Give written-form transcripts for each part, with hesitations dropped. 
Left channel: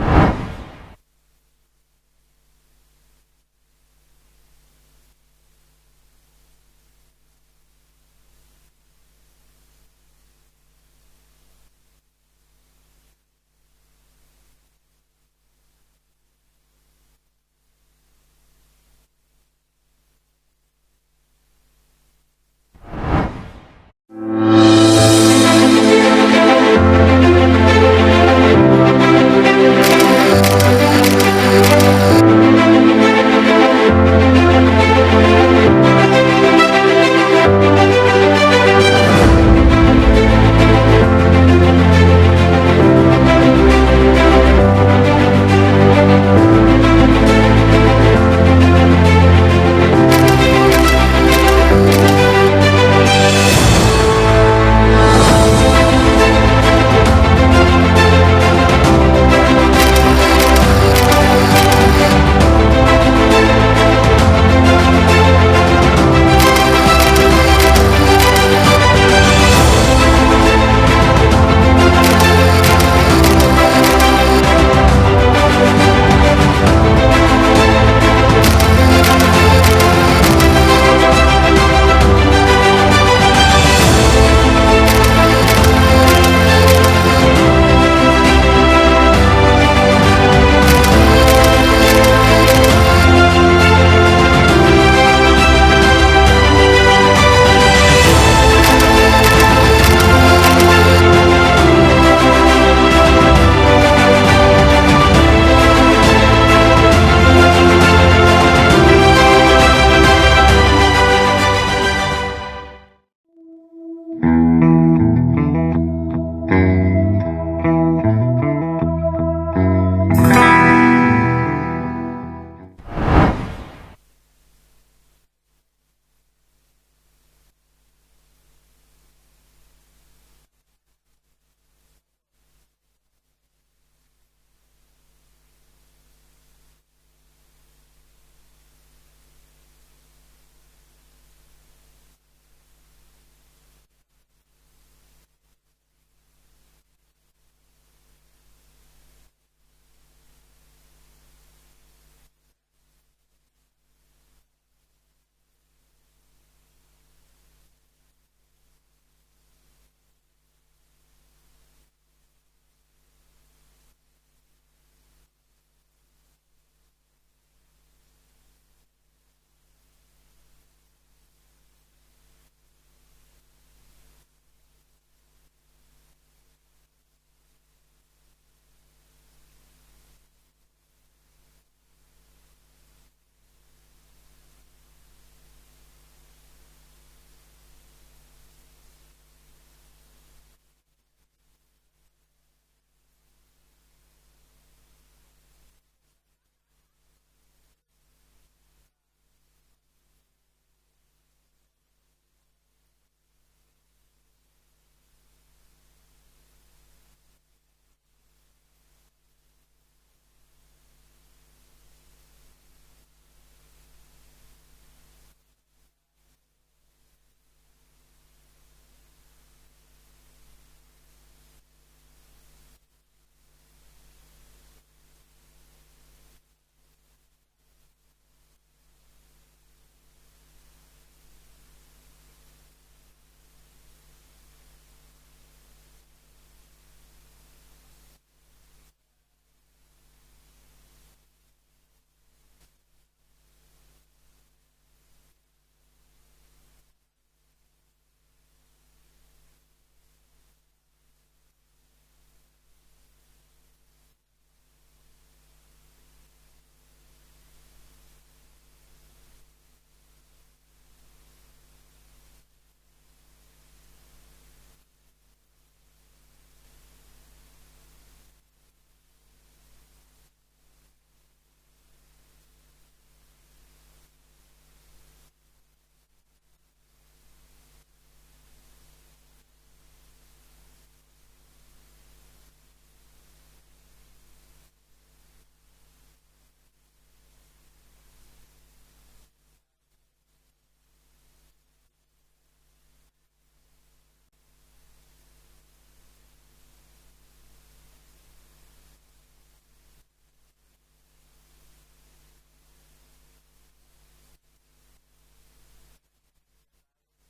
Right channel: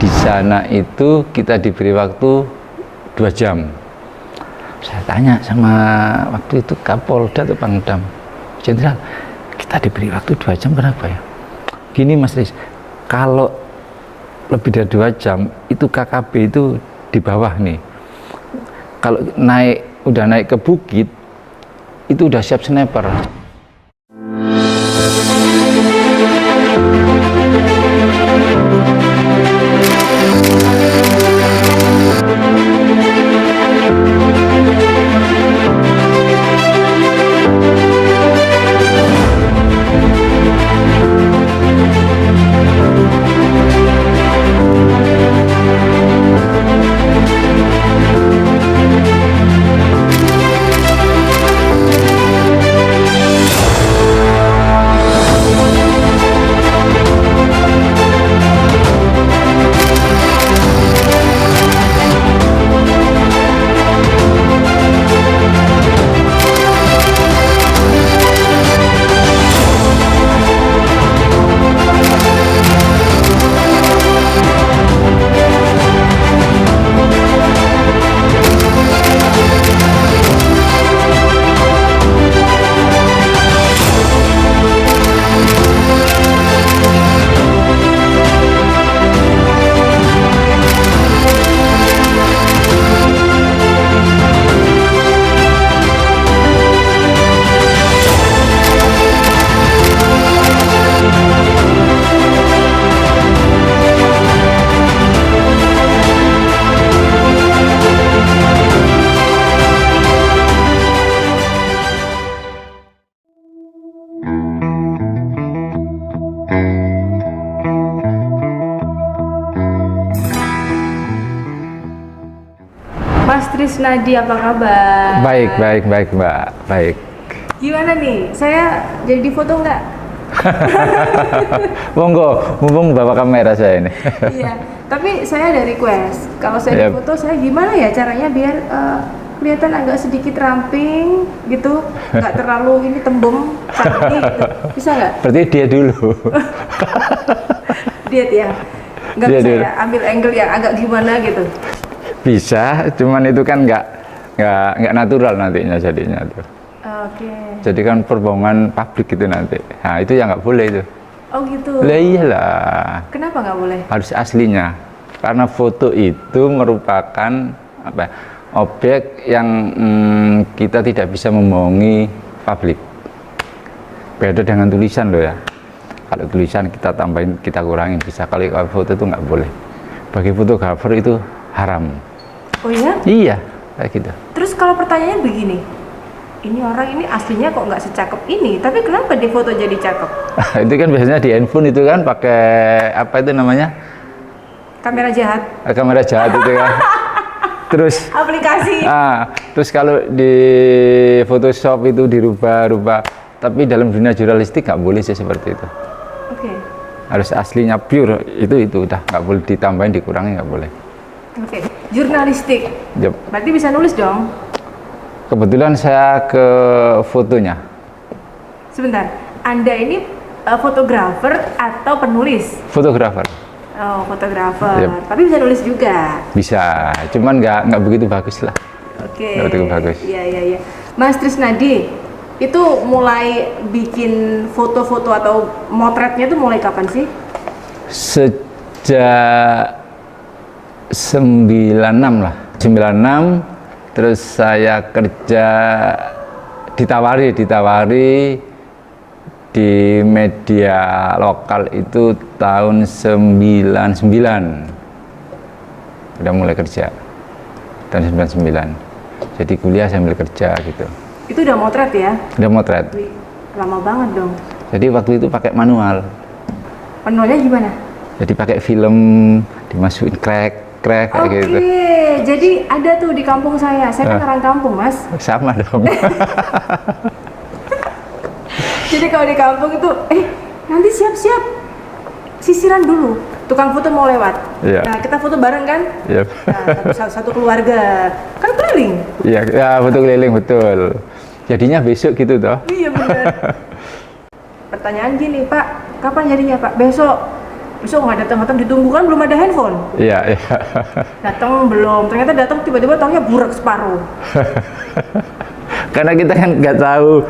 Di sana itu kita diberi waktu 2 jam. Saya tanya sama waktu itu Kapolda atau Pangdam, Jenderal, kita diberi waktu 2 jam kenapa ya? Gini Mas Riz, kalau lebih dari 2 jam itu KKB itu di bawah nih. Kalau udah naik ke bukit itu udah siap sniper. Nadi, apa kabar? Baik Mbak, baik. Gimana nih, saya jadi di foto nggak? Monggo, mumpung bawa kamera saya ini. Iya, tapi saya ada request, kalau saya di foto saya gimana ya caranya biar kelihatan agak sedikit ramping gitu, nggak terlalu ini tembem, cantik gitu. Bisa nggak? Berarti dia dulu. Diet ya? Nggak Dia bisa dulu. ya, ambil angle yang agak gimana gitu? Bisa, cuman itu kan nggak natural nantinya jadinya tuh. Oke. Jadi kan perbohongan publik itu nanti. Nah itu ya nggak boleh itu. Oh gitu? Lah iyalah, Kenapa nggak boleh? harus aslinya. Karena foto itu merupakan apa? Objek yang kita tidak bisa membohongi publik. Beda dengan tulisan loh ya. Kalau tulisan kita tambahin, kita kurangin bisa. Kalau foto itu nggak boleh. Bagi fotografer itu haram. Oh iya? Iya, kayak gitu. Terus kalau pertanyaannya begini, ini orang ini aslinya kok nggak secakep ini, tapi kenapa di foto jadi cakep? Itu kan biasanya di handphone itu kan pakai apa itu namanya? Kamera jahat, Kamera jahat itu kan. Terus aplikasi. terus kalau di Photoshop itu dirubah-rubah. Tapi dalam dunia jurnalistik nggak boleh sih seperti itu. Oke. Harus aslinya pure itu udah nggak boleh ditambahin, dikurangi nggak boleh. Oke. Jurnalistik. Yep. Berarti bisa nulis dong. Kebetulan saya ke fotonya. Sebentar. Anda ini fotografer atau penulis? Fotografer. Oh, fotografer. Yep. Tapi bisa nulis juga. Bisa, cuman nggak begitu bagus lah. Oke. Nggak begitu bagus. Iya. Mas Trisnadi, itu mulai bikin foto-foto atau motretnya itu mulai kapan sih? Sejak 96 lah. 96 terus saya kerja ditawari di media lokal itu tahun 99. Udah mulai kerja. Tahun 99. Jadi kuliah sambil kerja gitu. Itu udah motret ya? Udah motret. Wih, lama banget dong. Jadi waktu itu pakai manual. Penulisnya gimana? Jadi pakai film dimasukin crack kayak gitu. Oke, jadi ada tuh di kampung saya. Saya kan orang kampung, Mas. Sama dong. Jadi kalau di kampung itu, nanti siap-siap sisiran dulu. Tukang foto mau lewat. Iya. Nah, kita foto bareng kan? Yep. Nah, satu keluarga. Kan keliling. Iya, ya, betul keliling betul. Jadinya besok gitu toh. Iya benar. Pertanyaan gini, Pak, kapan jadinya Pak? Besok. besok nggak datang ditunggu kan belum ada handphone. Iya. Datang belum, ternyata datang tiba-tiba taunya burak separuh. Karena kita kan nggak tahu,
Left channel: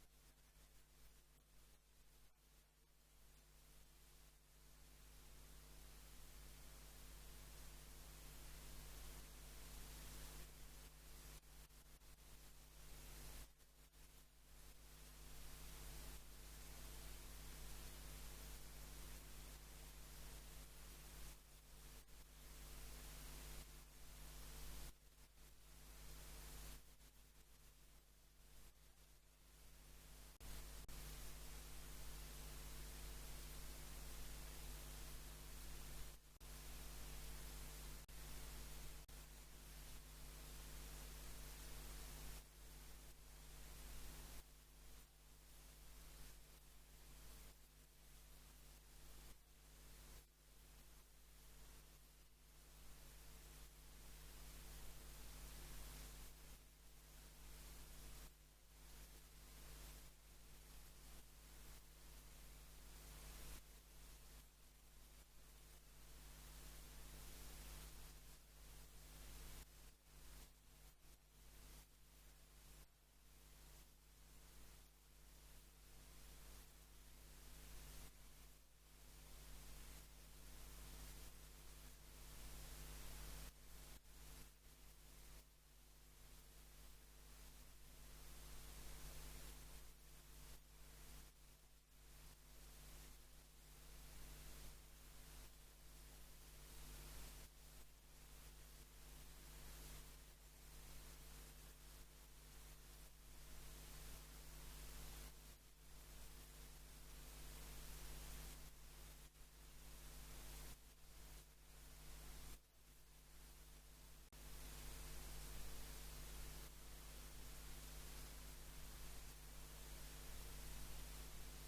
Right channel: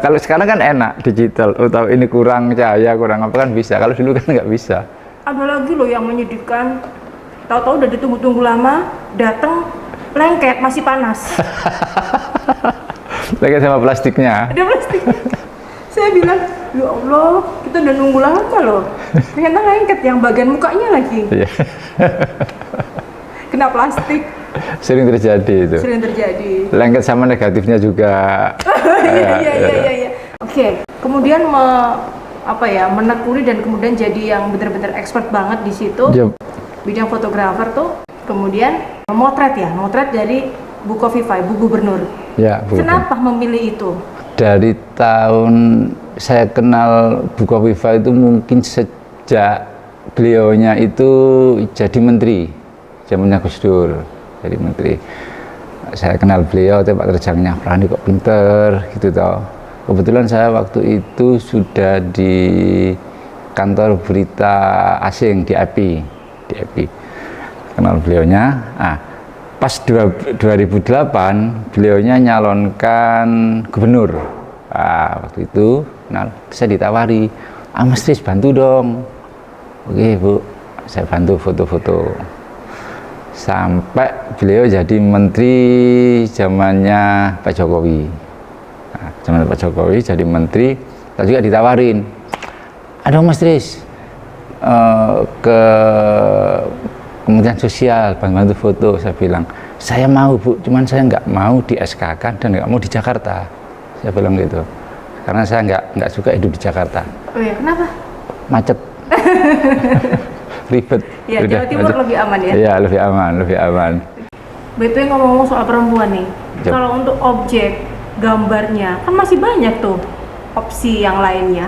kalau sekarang kan enak digital, tahu ini kurang cahaya, kurang apa kan bisa. Kalau dulu kan nggak bisa. Ada lagi loh yang menyedihkan, tahu-tahu udah ditunggu-tunggu lama, datang lengket masih panas. Lengket sama plastiknya. Ada plastik. Saya bilang, ya Allah, kita udah nunggu lama loh. Ternyata lengket yang bagian mukanya lagi. Iya. Kena plastik. Sering terjadi itu. Sering terjadi. Lengket sama negatifnya juga. Iya. Oke, kemudian menekuni dan kemudian jadi yang benar-benar expert banget di situ. Yep. Bidang fotografer tuh, kemudian motret dari Bu Khofifah, Bu Gubernur. Ya, Bu. Kenapa memilih itu? Dari tahun saya kenal Bu Khofifah itu mungkin sejak beliaunya itu jadi menteri, zamannya Gus Dur. Jadi menteri, saya kenal beliau, Pak terjangnya Prani kok pinter gitu toh. Kebetulan saya waktu itu sudah di kantor berita asing di API, kenal beliaunya. Pas 2008 beliaunya nyalonkan gubernur. Waktu itu saya ditawari, Mas Tris bantu dong. Oke Bu, saya bantu foto-foto. Sampai beliau jadi menteri zamannya Pak Jokowi. Zaman Pak Jokowi jadi menteri, saya juga ditawarin, aduh Mas Tris, ke Kementerian Sosial bantu foto. Saya bilang, saya mau Bu, cuman saya nggak mau di SK-kan dan nggak mau di Jakarta. Saya bilang gitu, karena saya nggak suka hidup di Jakarta. Oh ya, kenapa? Macet. Ribet. Ya, Jawa Timur macet. Lebih aman ya? Iya, lebih aman. Betul, ngomong-ngomong soal perempuan nih, Yep. Kalau untuk objek gambarnya kan masih banyak tuh opsi yang lainnya.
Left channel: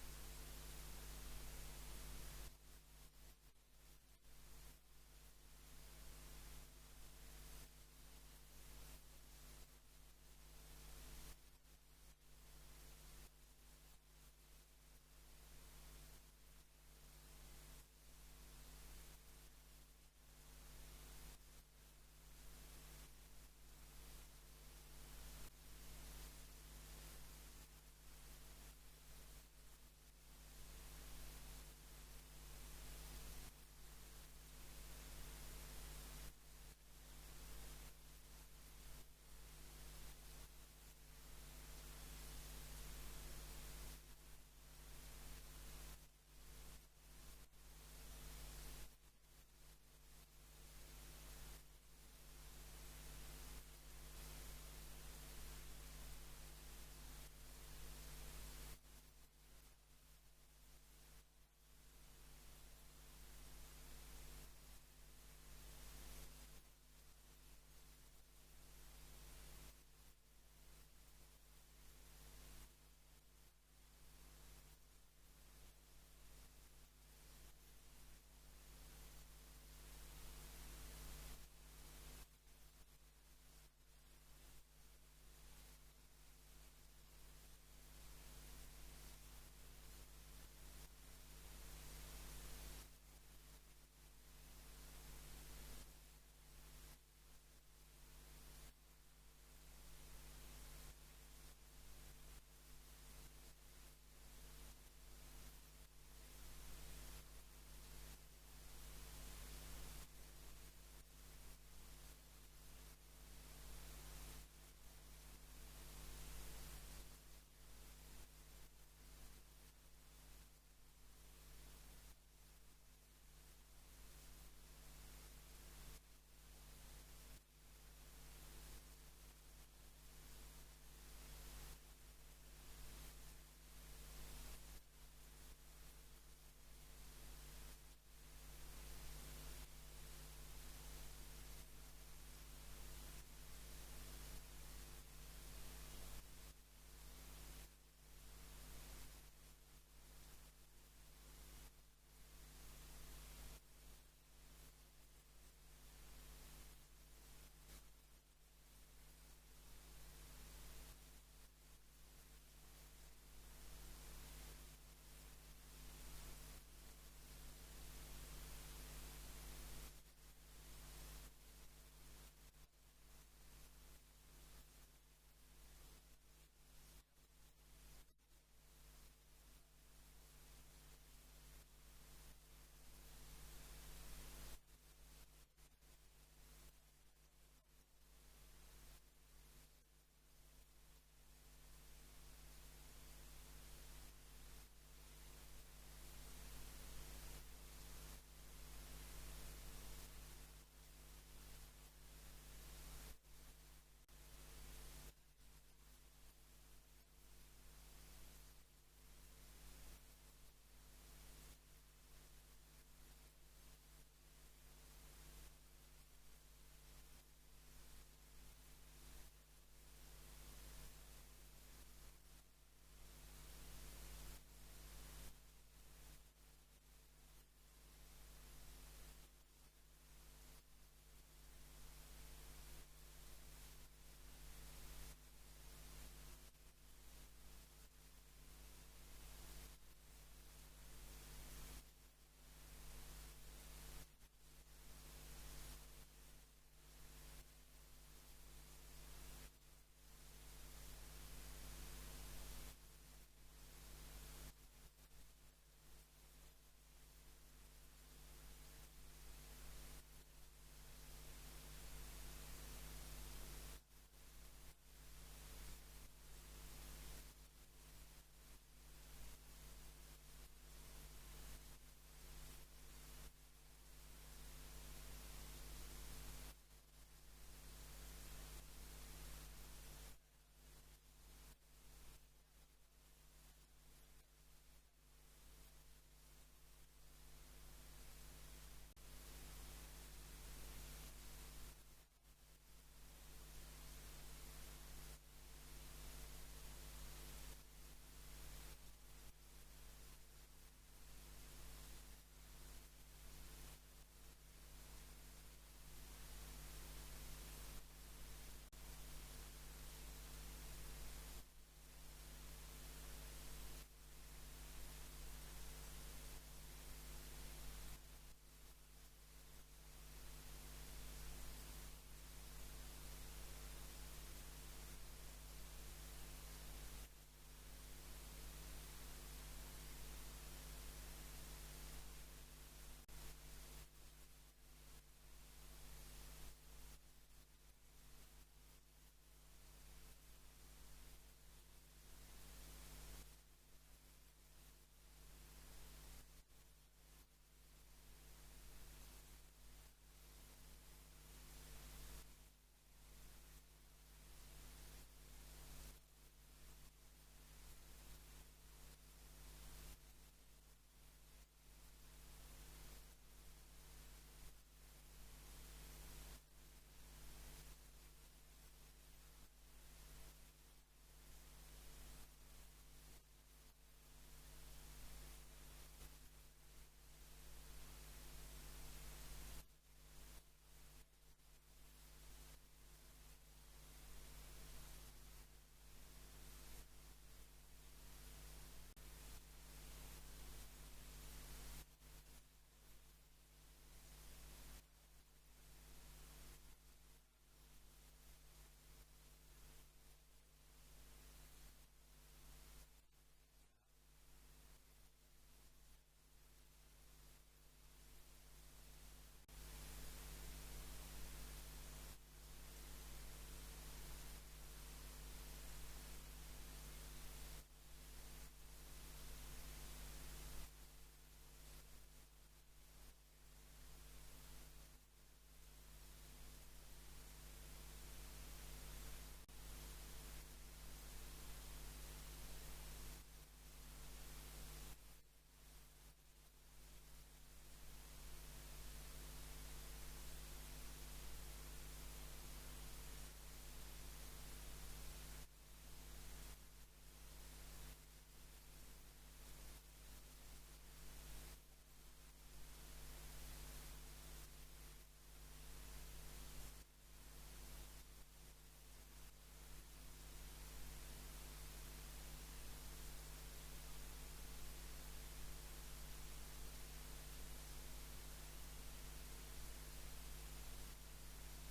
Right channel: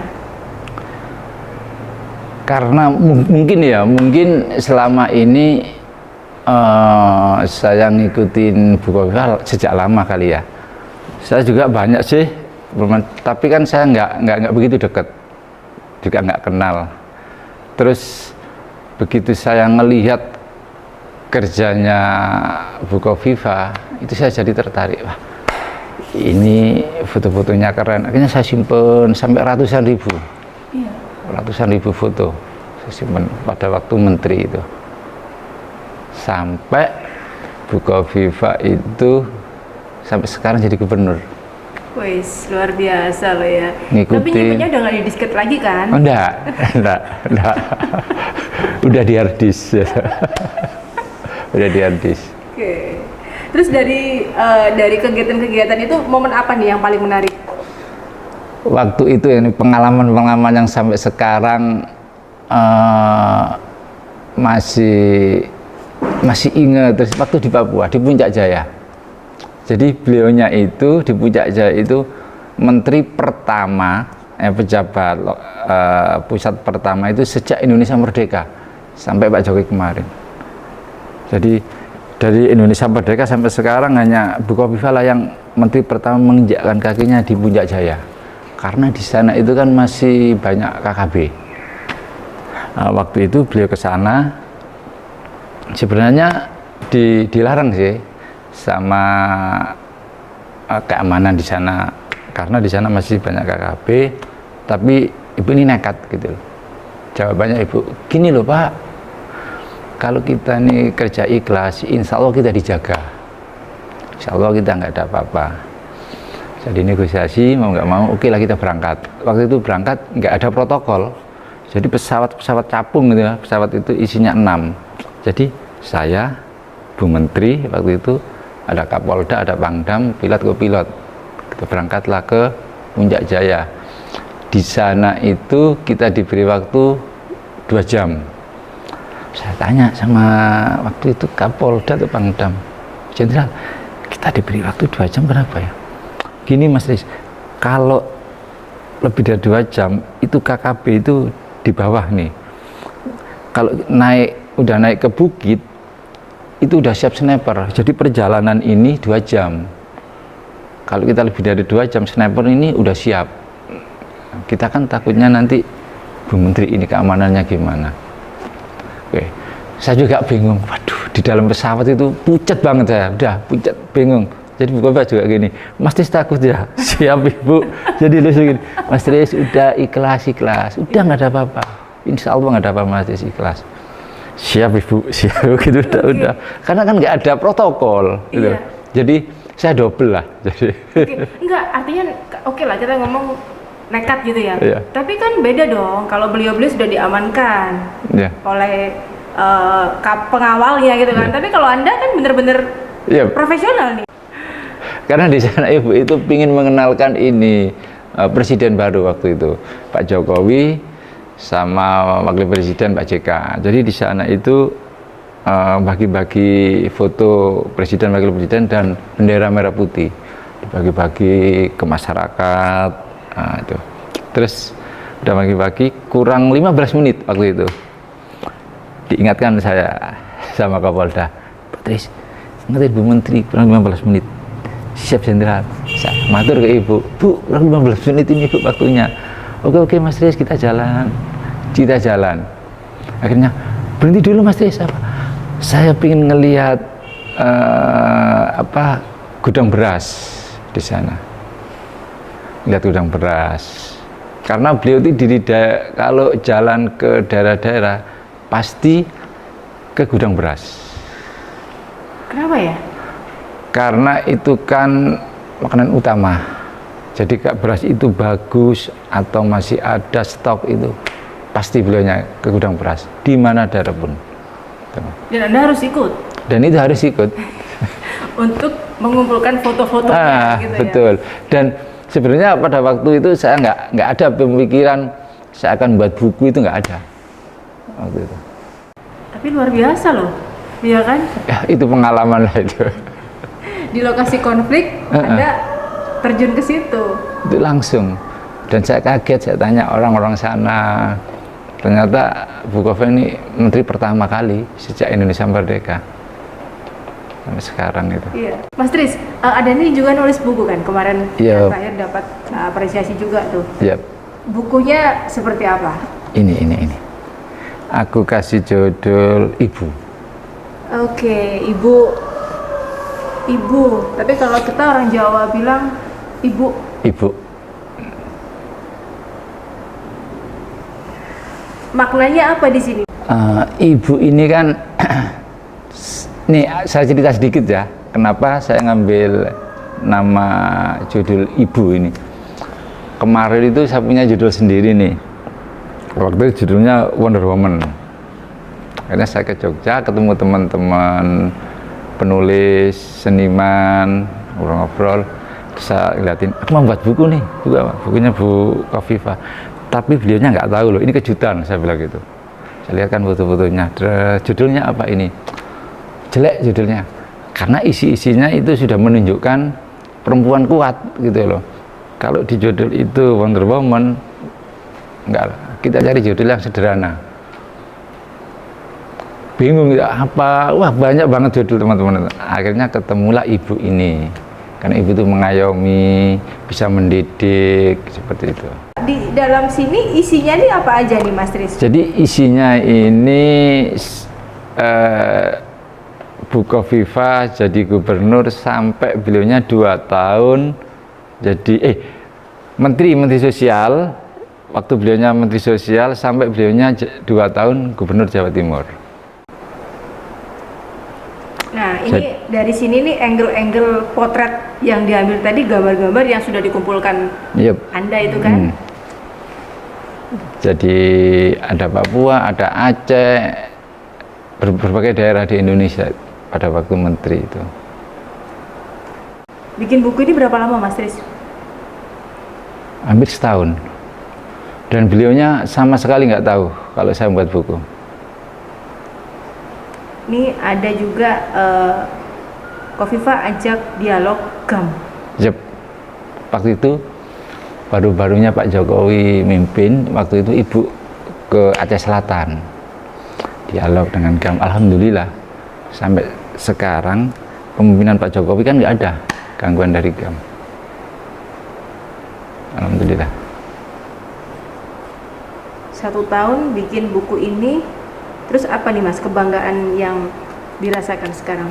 Karena mungkin selama ini saya ngikutin Bu Khofifah sejak lama kali ya. Saya juga banyak sih, tapi kan saya nggak begitu dekat, juga nggak kenal. Terus begitu saya ngelihat kerjanya Bu Khofifah, itu saya jadi tertarik. Wah, ini foto-fotonya keren. Akhirnya saya simpen sampai ratusan ribu. Iya. Ratusan ribu foto saya simpen pada waktu menteri itu. Sampai Bu Khofifah itu sampai sekarang jadi gubernur. Wih, luar biasa loh ya. Ngikutin. Tapi nyimpennya udah nggak di disket lagi kan? Oh, enggak. Udah di hard disk. Udah di hard disk. Oke. Terus dari kegiatan-kegiatan itu momen apa nih yang paling menarik? Waktu itu ini pengalaman yang sampai sekarang masih ingat. Terus waktu di Papua, di Puncak Jaya. Jadi beliaunya itu di Puncak Jaya itu menteri pertama, pejabat pusat pertama itu sejak Indonesia merdeka sampai Pak Jokowi kemarin. Jadi dari Indonesia merdeka sampai sekarang hanya Bu Khofifah lah yang menteri pertama menginjakkan kakinya di Puncak Jaya. Karena di sana itu kan masih banyak KKB. Waktu itu beliau ke sana, sebenarnya dilarang sih sama keamanan di sana, karena di sana masih banyak KKB. Tapi ibu ini nekat gitu loh. Jawabannya ibu, gini loh Pak, kalau kita nih kerja ikhlas, insya Allah kita dijaga, insya Allah kita nggak ada apa-apa. Jadi negosiasi mau nggak mau, oke lah kita berangkat. Waktu itu berangkat nggak ada protokol, jadi pesawat capung gitu ya, pesawat itu isinya 6. Jadi saya, Bu Menteri waktu itu, ada Kapolda, ada Pangdam, pilot kopilot. Kita berangkatlah ke Puncak Jaya. Di sana itu kita diberi waktu 2 jam. Saya tanya sama waktu itu Kapolda atau Pangdam, Jenderal, kita diberi waktu 2 jam kenapa ya? Gini Mas Riz, kalau lebih dari 2 jam itu KKB itu di bawah nih. Kalau udah naik ke bukit, itu udah siap sniper. Jadi perjalanan ini 2 jam. Kalau kita lebih dari 2 jam, sniper ini udah siap. Kita kan takutnya nanti Bu Menteri ini keamanannya gimana. Saya juga bingung, waduh di dalam pesawat itu pucat banget saya, udah pucat, bingung. Jadi Bu Kofifa juga gini, Mas Tris takut ya? Siap Ibu. Jadi lucu gini, Mas Tris udah ikhlas, udah nggak ada apa-apa. Insya Allah nggak ada apa-apa Mas Tris ikhlas. Siap Ibu, siap gitu udah. Karena kan nggak ada protokol gitu. Iya. Jadi saya double lah. Jadi. Enggak, artinya oke lah kita ngomong nekat gitu ya. Iya. Tapi kan beda dong kalau beliau-beliau sudah diamankan Iya. oleh pengawalnya gitu kan. Iya. Tapi kalau Anda kan bener-bener Iya. profesional nih. Karena di sana Ibu itu ingin mengenalkan ini presiden baru waktu itu, Pak Jokowi sama Wakil Presiden Pak JK. Jadi di sana itu bagi-bagi foto presiden, wakil presiden dan bendera merah putih, dibagi-bagi ke masyarakat. Itu. Terus udah bagi-bagi kurang 15 menit waktu itu. Diingatkan saya sama Kapolda, Pak Tris, ingetin Bu Menteri kurang 15 menit. Siap Jenderal. Saya matur ke Ibu, Bu, kurang 15 menit ini Bu waktunya. Oke Mas Tris, kita jalan. Akhirnya berhenti dulu Mas Tris. Saya ingin ngelihat gudang beras di sana. Lihat gudang beras. Karena beliau itu kalau jalan ke daerah-daerah pasti ke gudang beras. Kenapa ya? Karena itu kan makanan utama. Jadi kalau beras itu bagus atau masih ada stok itu, pasti beliaunya ke gudang beras di mana daerah pun. Dan Anda harus ikut. Dan itu harus ikut. Untuk mengumpulkan foto-fotonya gitu betul. Ya. Dan sebenarnya pada waktu itu saya nggak ada pemikiran saya akan buat buku, itu nggak ada waktu itu. Tapi luar biasa loh, iya kan? Ya, itu pengalaman lah itu. Di lokasi konflik, Anda terjun ke situ. Itu langsung. Dan saya kaget, saya tanya orang-orang sana. Ternyata Bu Kofifa ini menteri pertama kali sejak Indonesia merdeka. Sampai sekarang itu. Iya. Mas Tris, ada nih juga nulis buku kan? Kemarin Yep. saya dapat apresiasi juga tuh. Yep. Bukunya seperti apa? Ini. Aku kasih judul Ibu. Oke, Ibu. Tapi kalau kita orang Jawa bilang Ibu. Maknanya apa di sini? Ibu ini kan, nih saya cerita sedikit ya, kenapa saya ngambil nama judul Ibu ini. Kemarin itu saya punya judul sendiri nih, waktu itu judulnya Wonder Woman. Akhirnya saya ke Jogja, ketemu teman-teman penulis, seniman, ngobrol-ngobrol. Terus saya ngeliatin, aku mau buat buku nih, bukunya Bu Kofifa. Tapi beliaunya nggak tahu loh, ini kejutan, saya bilang gitu. Saya lihat kan foto-fotonya, judulnya apa ini? Jelek judulnya, karena isi-isinya itu sudah menunjukkan perempuan kuat gitu loh. Kalau di judul itu Wonder Woman, enggak lah, kita cari judul yang sederhana. Bingung ya, apa, wah banyak banget judul teman-teman. Akhirnya ketemulah Ibu ini, karena Ibu itu mengayomi, bisa mendidik, seperti itu. Di dalam sini isinya ini apa aja nih Mas Tris? Jadi isinya ini Bu Kofifa jadi gubernur sampai beliaunya 2 tahun jadi menteri sosial, waktu beliaunya menteri sosial sampai beliaunya 2 tahun gubernur Jawa Timur. Nah ini dari sini nih angle-angle potret yang diambil tadi, gambar-gambar yang sudah dikumpulkan. Yep. Anda itu kan. Jadi ada Papua, ada Aceh, berbagai daerah di Indonesia pada waktu menteri itu. Bikin buku ini berapa lama Mas Tris? Hampir setahun. Dan beliaunya sama sekali nggak tahu kalau saya membuat buku. Ini ada juga Kofifa ajak dialog GAM. Yep. Waktu itu baru-barunya Pak Jokowi mimpin, waktu itu Ibu ke Aceh Selatan. Dialog dengan GAM. Alhamdulillah sampai sekarang kepemimpinan Pak Jokowi kan nggak ada gangguan dari GAM. Alhamdulillah. 1 tahun bikin buku ini, Terus apa nih Mas kebanggaan yang dirasakan sekarang?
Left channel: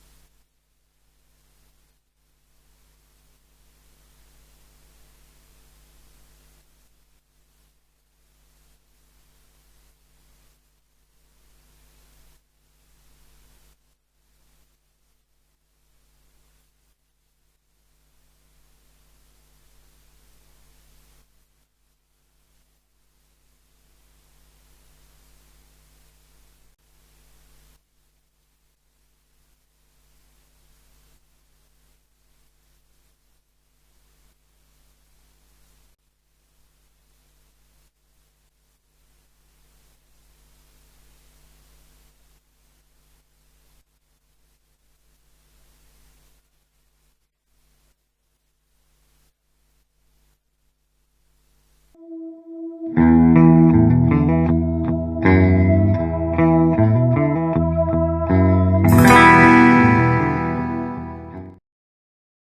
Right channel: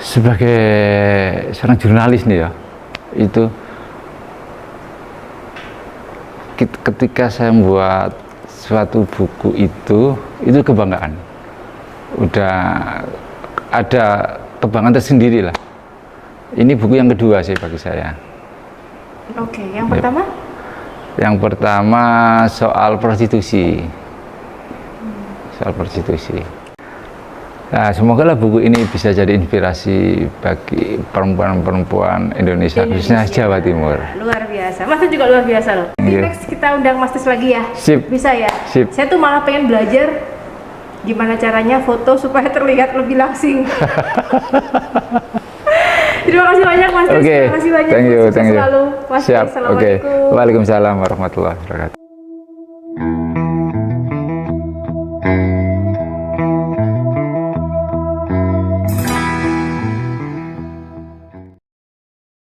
Sebagai seorang jurnalis nih ya, itu ketika saya membuat suatu buku itu kebanggaan. Udah ada kebanggaan tersendiri lah. Ini buku yang kedua sih bagi saya. Oke, yang pertama? Yang pertama soal prostitusi. Soal prostitusi. Nah, semoga lah buku ini bisa jadi inspirasi bagi perempuan-perempuan Indonesia, khususnya Jawa Timur. Luar biasa. Mas juga luar biasa loh. Nanti next kita undang Mas Tis lagi ya. Sip. Bisa ya? Sip. Saya tuh malah pengen belajar gimana caranya foto supaya terlihat lebih langsing. Terima kasih banyak Mas Tis. Oke. Terima kasih banyak. Thank you. Sukses selalu. Mas Tis, Siap. Oke. Assalamualaikum. Waalaikumsalam warahmatullahi wabarakatuh.